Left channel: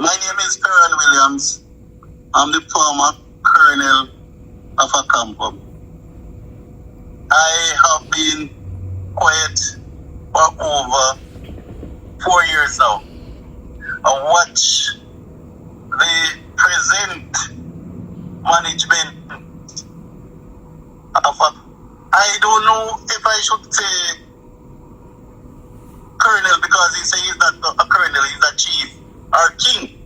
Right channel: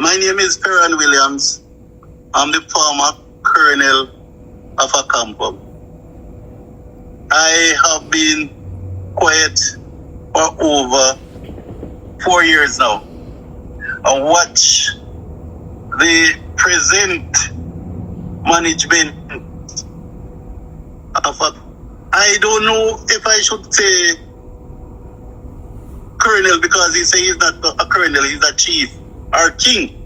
My name is Ferron Willams. I'm the former colonel of Accompong. I have been quiet for over 4 years now and watch the present management of I don't know if I should say colonel, because he says he's not a colonel, he's a chief or king,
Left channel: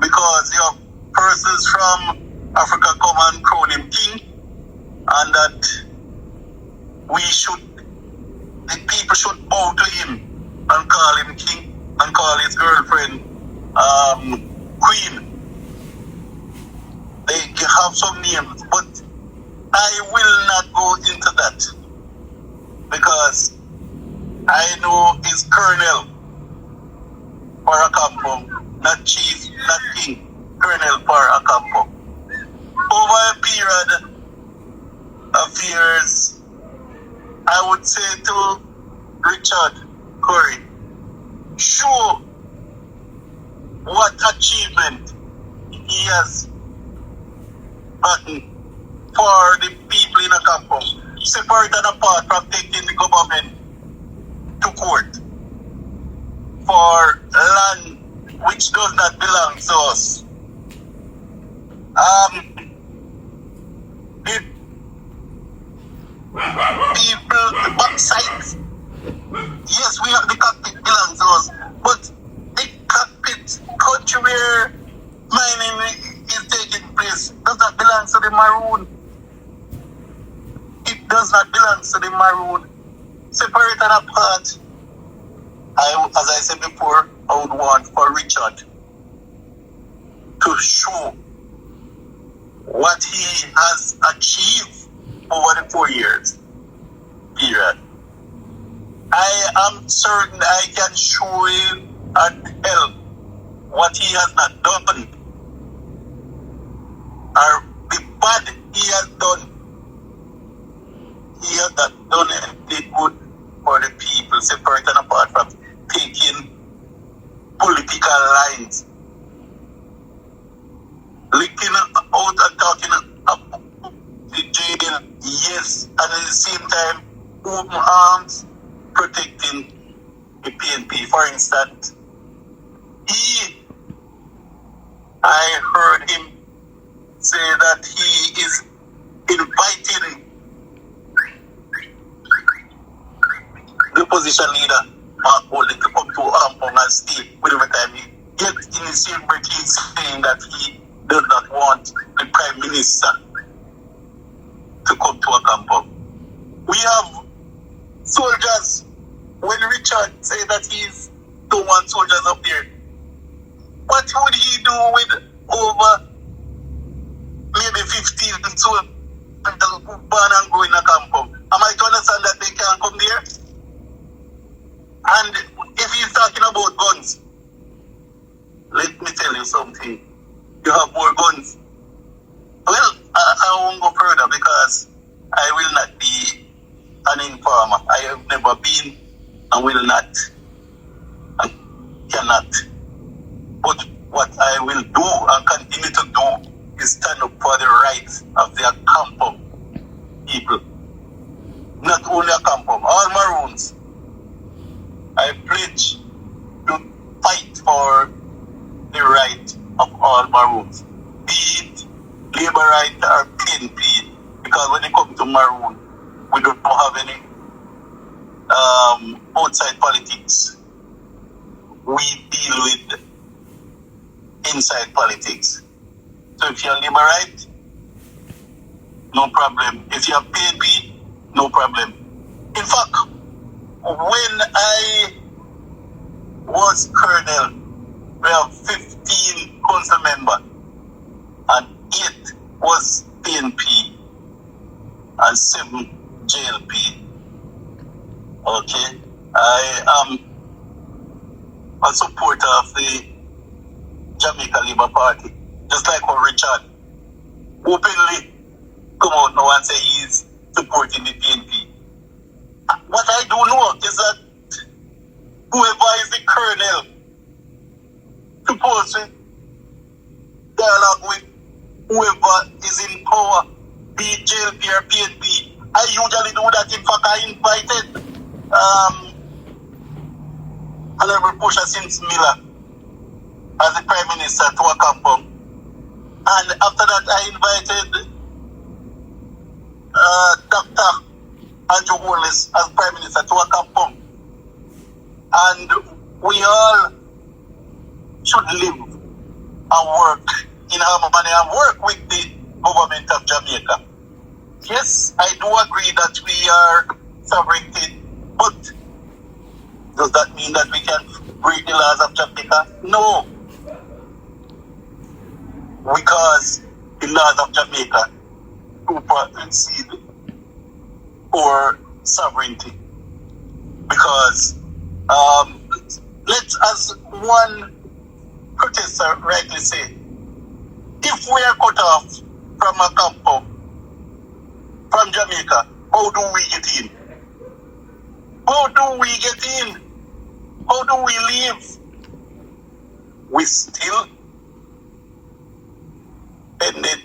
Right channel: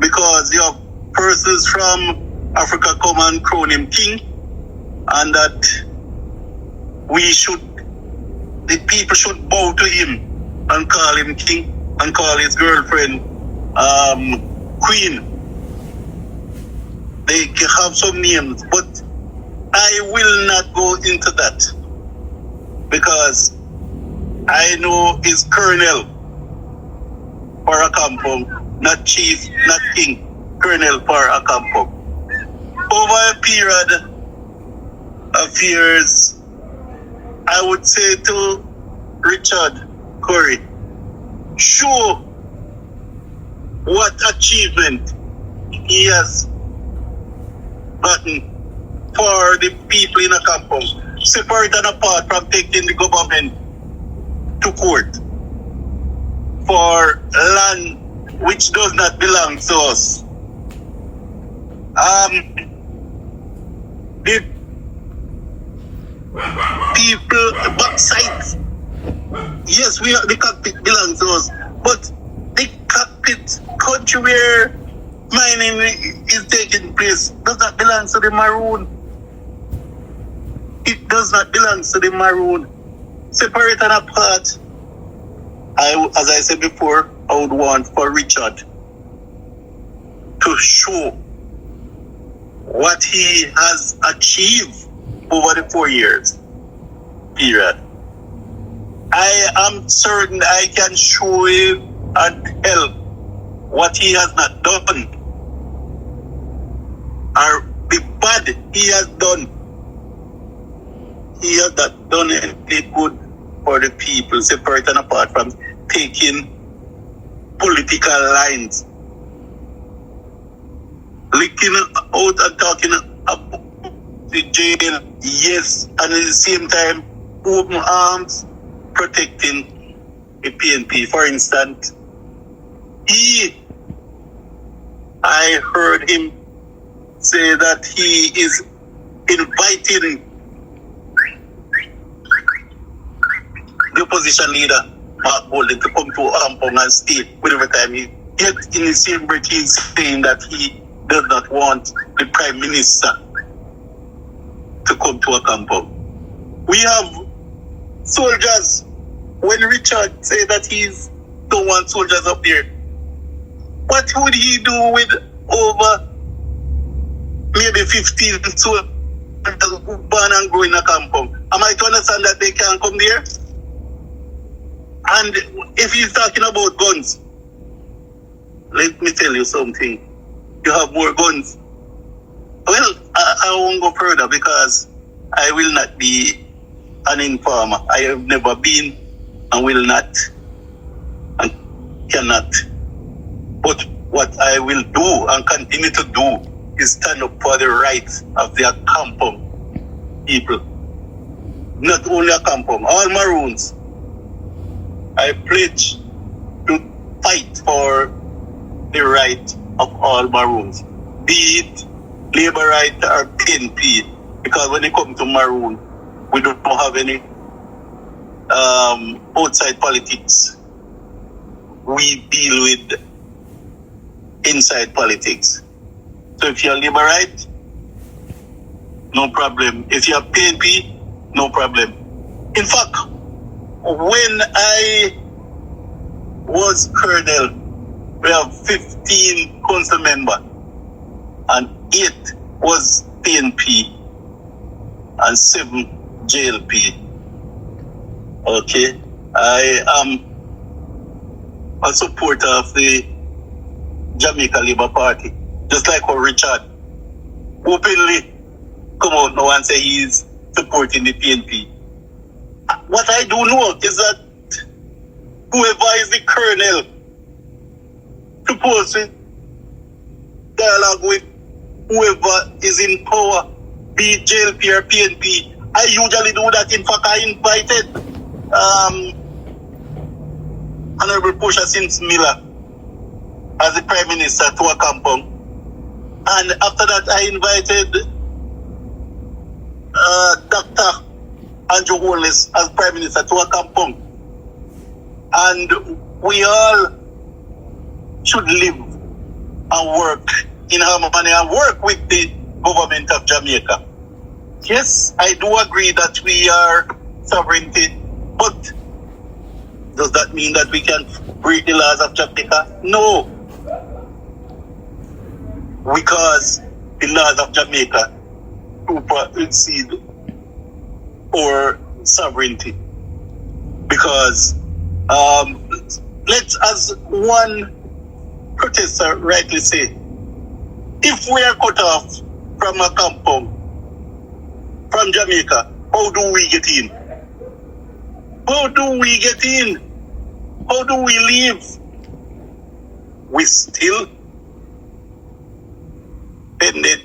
because you have persons from Africa come and crown him king, and that the people should bow to him and call him king and call his girlfriend queen. They have some names, but I will not go into that because I know it's colonel for Accompong, not chief, not king, colonel for Accompong. Over a period of years, I would say to Richard Curry, show what achievement he has gotten for the people in Accompong, separate and apart from taking the government to court for land which does not belong to us. The people backside, yes, we have the cockpit belongs to us, but the cockpit country where mining is taking place does not belong to the Maroon. It does not belong to the Maroon. Separate and apart. As I said before, I would want for Richard to show what he has achieved over the 4 years period. I am certain I can show him and tell what he has not done, or the bad he has done. He has not done any good for the people, separate and apart from taking political lines, licking out and talking about the JDF, yes, and at the same time, open arms, protecting the PNP. For instance, I heard him say that he is inviting the opposition leader, Mark Bolden, to come to Accompong and stay whatever time he gets. In the same breath, he's saying that he does not want the Prime Minister to come to Accompong. We have soldiers. When Richard said that he don't want soldiers up there, what would he do with over maybe 15 soldiers born and grow in Accompong? Am I to understand that they can't come there? And if he's talking about guns, let me tell you something. You have more guns. Well, I won't go further because I will not be an informer. I have never been and will not and cannot. But what I will do and continue to do is stand up for the rights of the Accompong people. Not only Accompong, all Maroons. I pledge to fight for the right of all Maroons, be it labor right or PNP, because when it comes to Maroon, we don't have any outside politics. We deal with inside politics. So if you're labor right, no problem. If you're PNP, no problem. In fact, when I was colonel, we have 15 council members and 8 was PNP and 7 JLP. Okay, I am a supporter of the Jamaica Labour Party, just like how Richard openly come out now and say he's supporting the PNP. What I do know is that whoever is the colonel supposed to dialogue with whoever is in power, be it JLP or PNP. I usually do that. In fact, I invited Honorable Portia Sims Miller as the Prime Minister to Accompong. And after that, I invited Dr. Andrew Holness as Prime Minister to Accompong. And we all should live and work in harmony and work with the government of Jamaica. Yes, I do agree that we are sovereignty, but does that mean that we can break the laws of Jamaica? No. Because the laws of Jamaica supersede our sovereignty. Because let's, as one protester rightly say, if we are cut off from Accompong, from Jamaica, how do we get in? How do we get in? How do we live? We still dependent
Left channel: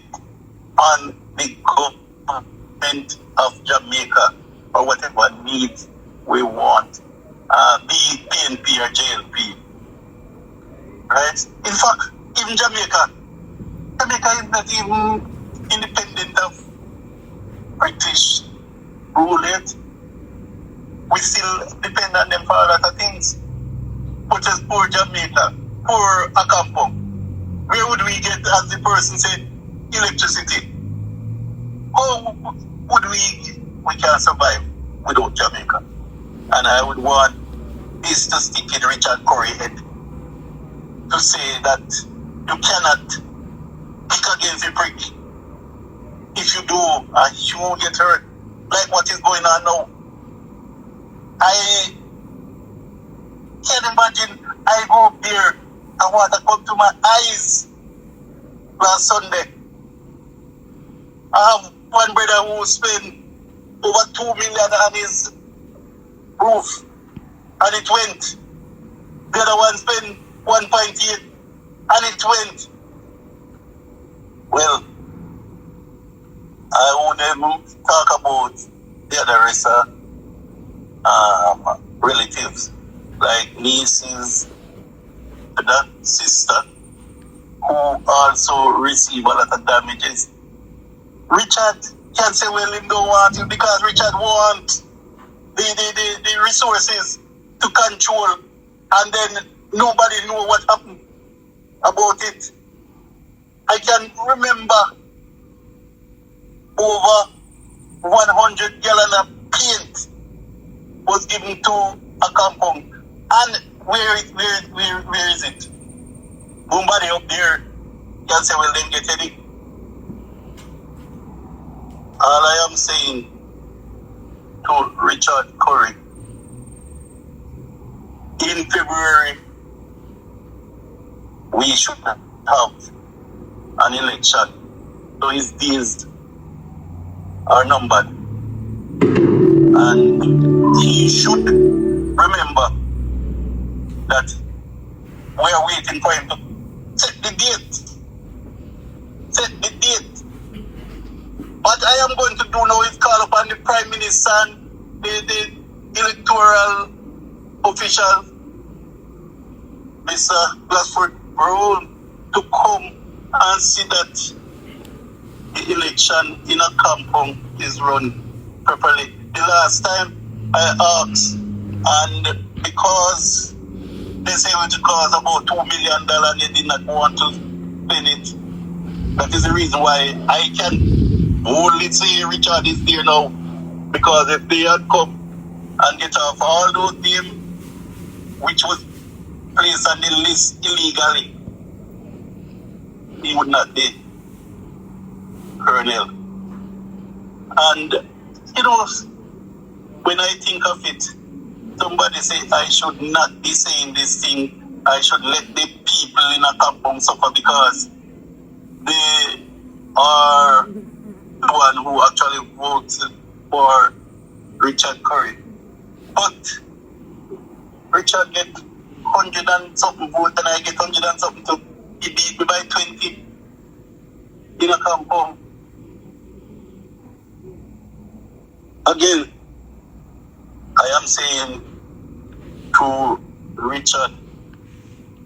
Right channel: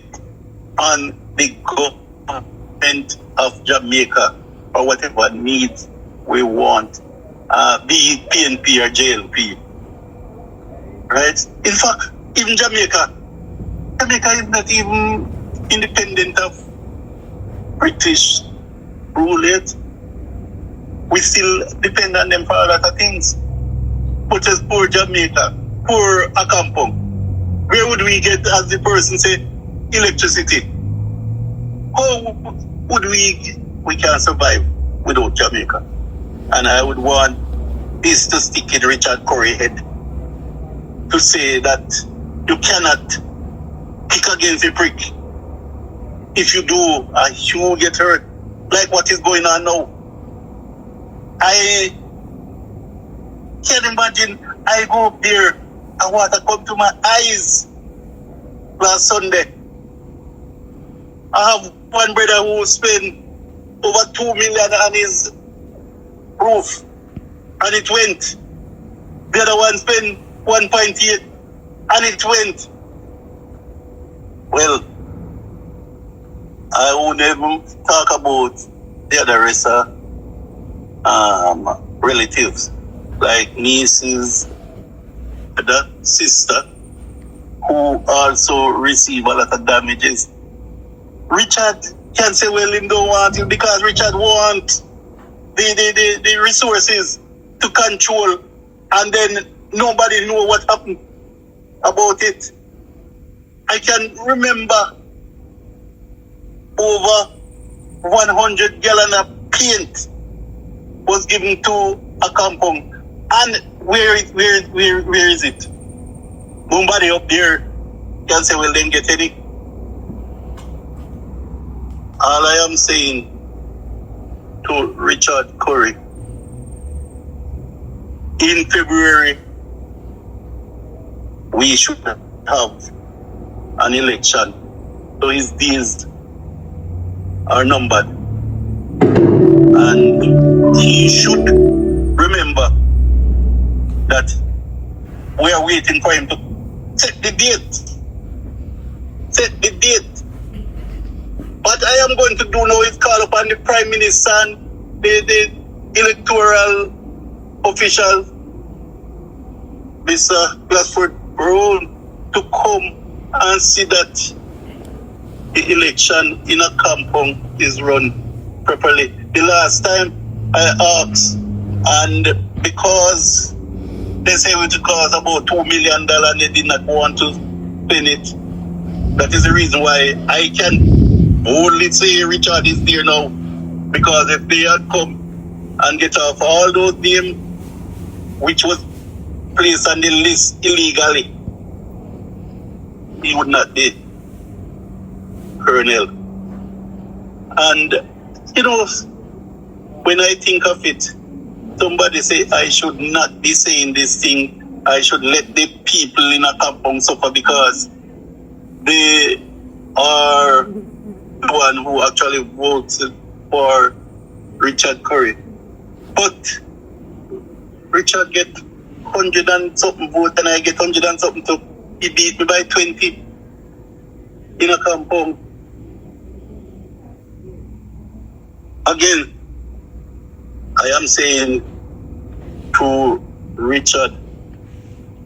on the government of Jamaica for whatever needs we want, be it PNP or JLP. Right? In fact, even Jamaica is not even independent of British rule yet. We still depend on them for a lot of things. But as poor Jamaica, poor Accompong, where would we get, as the person said, electricity? How would we can survive without Jamaica? And I would want this to stick in Richard Curry's head, to say that you cannot kick against a prick. If you do, you get hurt, like what is going on now. I can't imagine. I go up there and water come to my eyes last Sunday. I have one brother who spent over 2 million on his roof, and it went. The other one spent 1.8, and it went. Well, I won't even talk about the other rest of relatives, like nieces, the sister, who also receive a lot of damages. Richard can say, well, him don't want it because Richard wants the resources to control, and then nobody know what happened about it. I can remember over 100 gallon of paint was given to Accompong. And where is it? Somebody up there can say, well, then get any. All I am saying to Richard Curry, in February, we should have an election. So his days are numbered. And he should remember that we are waiting for him to set the date. Set the date. What I am going to do now is call upon the Prime Minister and the electoral officials, Mr. Glassford Brown, to come and see that the election in Accompong is run properly. The last time I asked, and because they say it would cost about $2 million and they did not want to spend it, that is the reason why I can only say Richard is there now. Because if they had come and get off all those names which was placed on the list illegally, he would not be Colonel. And, you know, when I think of it, somebody say I should not be saying this thing. I should let the people in Accompong suffer because they are the one who actually voted for Richard Curry. But Richard get 100 and something votes and I get 100 and something, so he beat me by 20. in Accompong. Again, I am saying to Richard,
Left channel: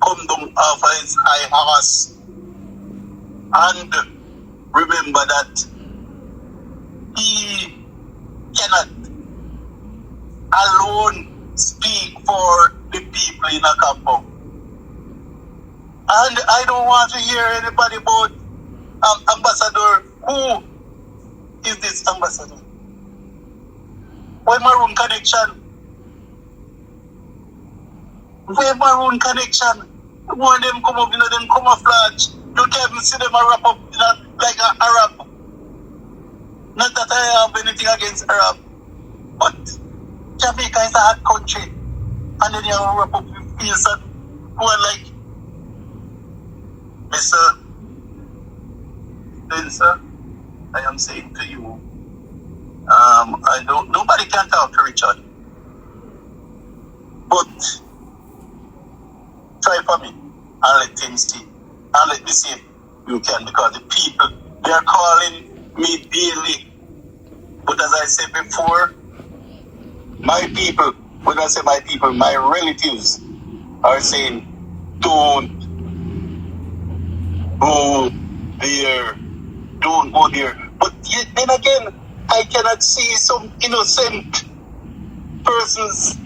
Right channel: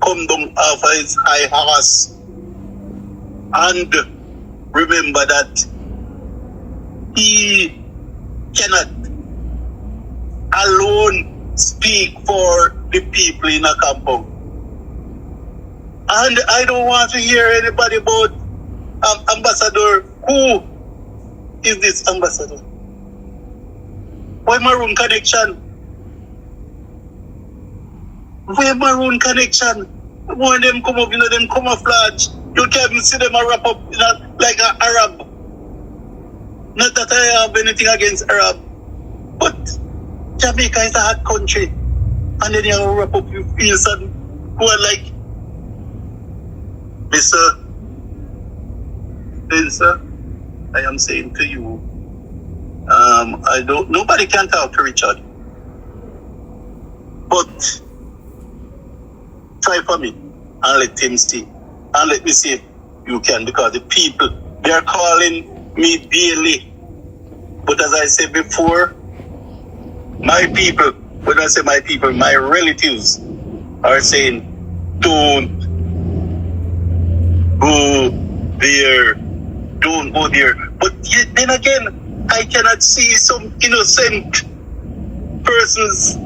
come down off his high horse and remember that he cannot alone speak for the people in Accompong. And I don't want to hear anybody about ambassador. Who is this ambassador? Why Maroon Connection? Why Maroon Connection? When them come up, them camouflage. You can't see them wrap up like an Arab. Not that I have anything against Arab, but Jamaica is a hot country. And then you wrap up your face and go and like, Sir, I am saying to you, nobody can talk to Richard. But try for me and let him see. And let me see if you can, because the people, they are calling me daily. But as I said before, my people, when I say my people, my relatives are saying, don't go there. Don't go there. But then again, I cannot see some innocent persons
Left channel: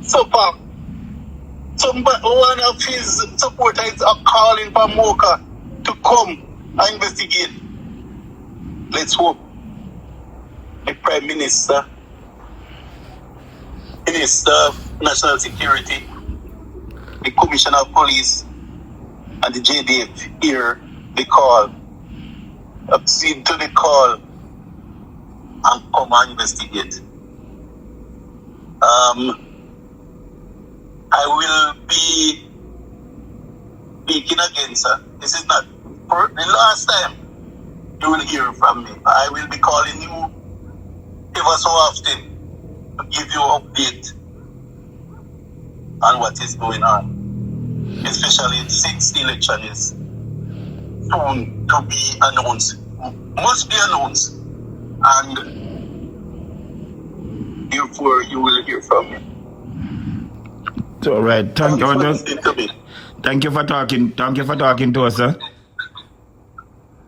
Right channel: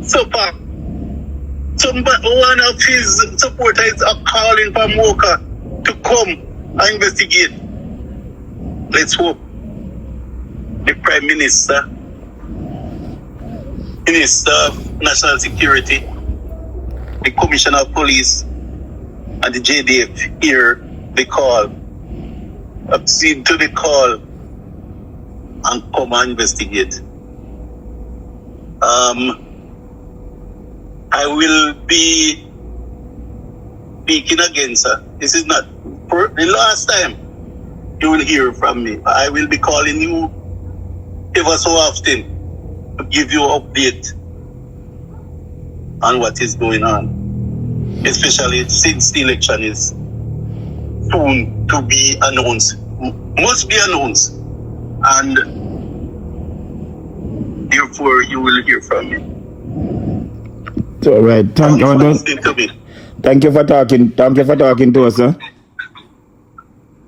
suffer. One of his supporters are calling for Mocha to come and investigate. Let's hope the Prime Minister, Minister of National Security, the Commissioner of Police, and the JDF hear the call, accede to the call, and come and investigate. I will be speaking again, sir. This is not for the last time you will hear from me. I will be calling you ever so often to give you an update on what is going on, especially since the election is soon to be announced, must be announced, and therefore you will hear from me. All right. Thank you. Thank you for talking. Thank you for talking to us, sir.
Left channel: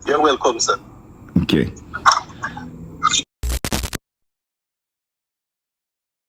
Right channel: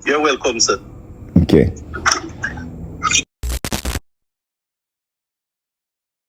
You're welcome, sir. Okay.